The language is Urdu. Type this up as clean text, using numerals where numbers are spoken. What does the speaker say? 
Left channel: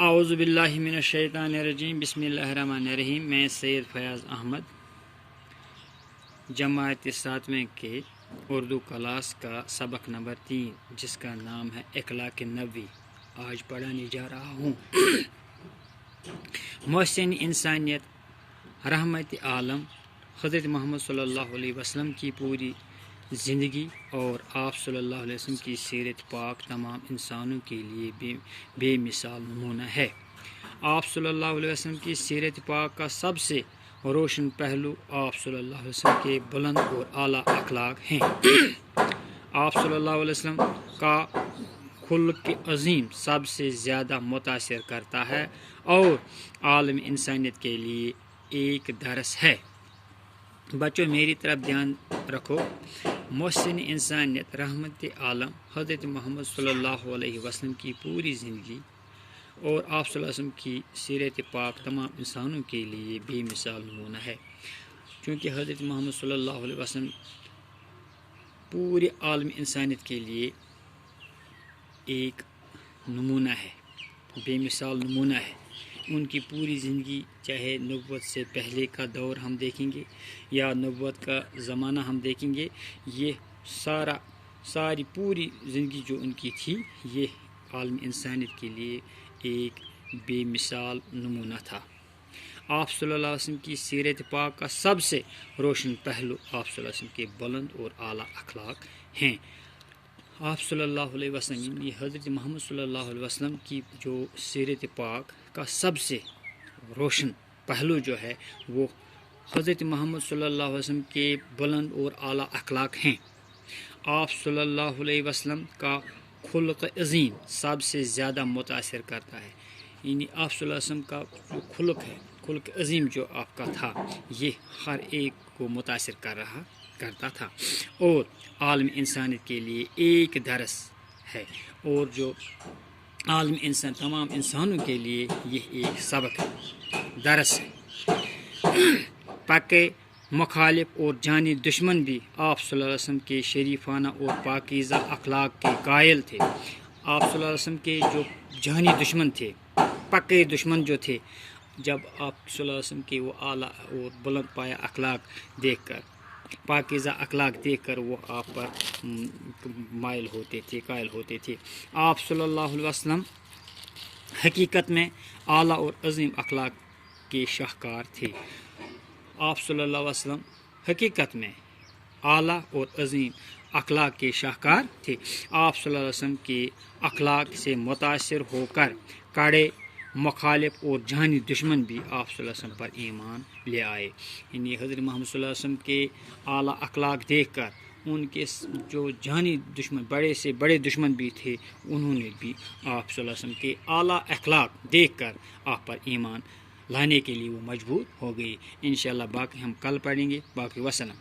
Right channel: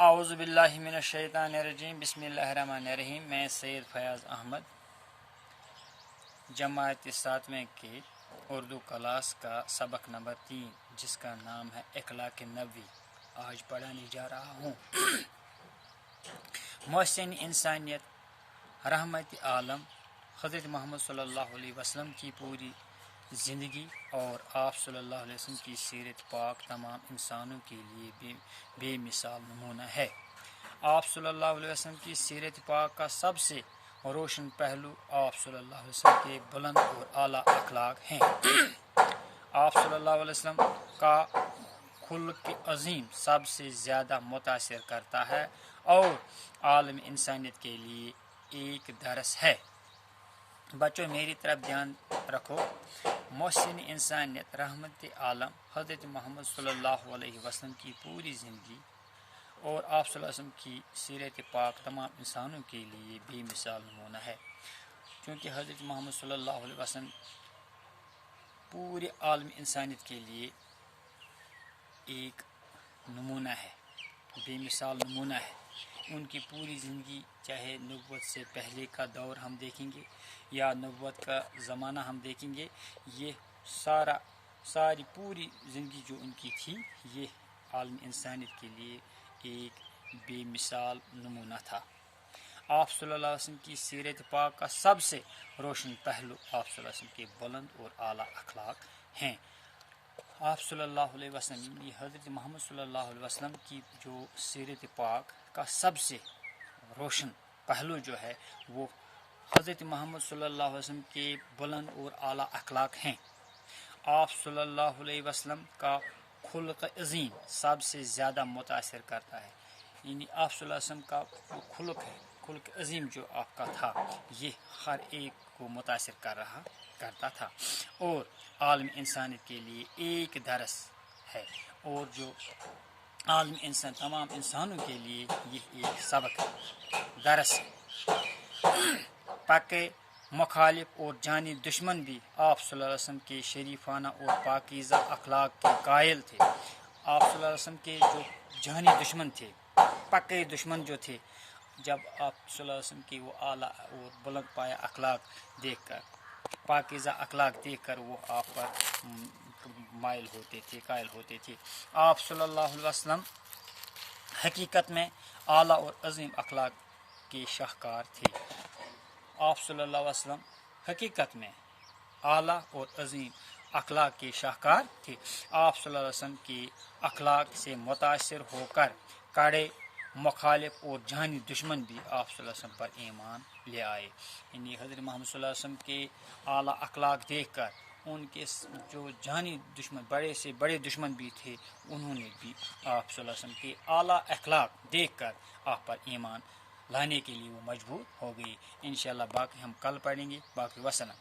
اعوذ باللہ من الشیطان الرجیم، بسم اللہ الرحمن الرحیم۔ میں سید فیاض احمد جماعت 7ویں کے اردو کلاس کا سبق نمبر 3 جس کا نام ہے اخلاق نبوی آج پڑھانے جا رہا ہوں۔ محسن انسانیت رحمت عالم حضرت محمد صلی اللہ علیہ وسلم کی پوری زندگی اور آپ صلی اللہ علیہ وسلم کی سیرت پاک تمام انسانوں کے لیے بے مثال نمونہ ہے۔ آپ صلی اللہ علیہ وسلم کی سیرت پاک کا سب سے روشن پہلو آپ صلی اللہ علیہ وسلم کے بلند اور اعلیٰ اخلاق ہیں۔ آپ صلی اللہ علیہ وسلم کا خلق عظیم سب سے زیادہ متاثر کرتا ہے اور عالم انسانیت کے لیے ایک درس ہے۔ بچوں میری طرف دھیان رکھو۔ محسن انسانیت رحمت عالم حضرت محمد صلی اللہ علیہ وسلم کی پوری زندگی اور آپ صلی اللہ علیہ وسلم کی سیرت پاک تمام انسانوں کے لیے بے مثال نمونہ ہے، چونکہ حضرت محمد صلی اللہ علیہ وسلم پورے عالم انسانیت کے لیے ایک نمونہ ہے، بے مثال نمونہ ہے۔ ان کی پوری زندگی، چاہے نبوت سے پہلے کا دور ہم دیکھیں گے یا نبوت کا زمانہ ہم دیکھیں گے، یہ ساری پوری زندگی جو ان کی تھی، یہ عالم انسانیت کے لیے ایک بے مثال نمونہ تھا۔ آپ صلی اللہ علیہ وسلم کی سیرت پاک کا سب سے روشن پہلو آپ صلی اللہ علیہ وسلم کے بلند اور اعلیٰ اخلاق ہیں۔ آپ صلی اللہ علیہ وسلم، یہ حضرت محمد صلی اللہ علیہ وسلم کی جو سیرت پاک کا سب سے روشن پہلو جو ہے وہ حضرت محمد صلی اللہ علیہ وسلم کے بلند اور اعلیٰ اخلاق ہیں۔ آپ صلی اللہ علیہ وسلم کا خلق عظیم سب سے زیادہ متاثر کرتا ہے، یعنی آپ صلی اللہ علیہ وسلم کا جو خلق ہے، خلق عظیم جو آپ کا تھا، یہ ہر ایک کو متاثر کرتا تھا اور عالم انسانیت کے لیے ایک درس ہے، اور جو عالم انسان تمام انسانوں کے لیے یہ ایک سبق درس ہے۔ پکے مخالف اور جانی دشمن بھی آپ صلی اللہ علیہ وسلم کے شریفانہ اور پاکیزہ اخلاق کے قائل تھے۔ آپ صلی اللہ علیہ وسلم کے جو جانی دشمن تھے، پکے دشمن جو تھے، جب آپ صلی اللہ علیہ وسلم کے وہ اعلیٰ اور بلند پایہ اخلاق دیکھ کر، پاکیزہ اخلاق دیکھ کر وہ آپ پر مائل ہوتے تھے، قائل ہوتے تھے۔ آپ صلی اللہ علیہ وسلم حقیقت میں اعلیٰ اور عظیم اخلاق کے شاہکار تھے۔ آپ صلی اللہ علیہ وسلم حقیقت میں اعلیٰ اور عظیم اخلاق کے شاہکار تھے۔ آپ صلی اللہ علیہ وسلم کے اخلاق سے متاثر ہو کر کڑے مخالف اور جانی دشمن بھی آپ صلی اللہ علیہ وسلم پر ایمان لے آئے، یعنی حضرت محمد صلی اللہ علیہ وسلم کے اعلیٰ اخلاق دیکھ کر ان کے جو جانی دشمن، بڑے سے بڑے دشمن بھی تھے، انہوں نے بھی آپ صلی اللہ علیہ وسلم کے اعلیٰ اخلاق دیکھ کر آپ پر ایمان لانے کے لیے وہ مجبور ہو گئی۔ انشاءاللہ باقی ہم کل پڑھیں گے۔ باقی وسلام۔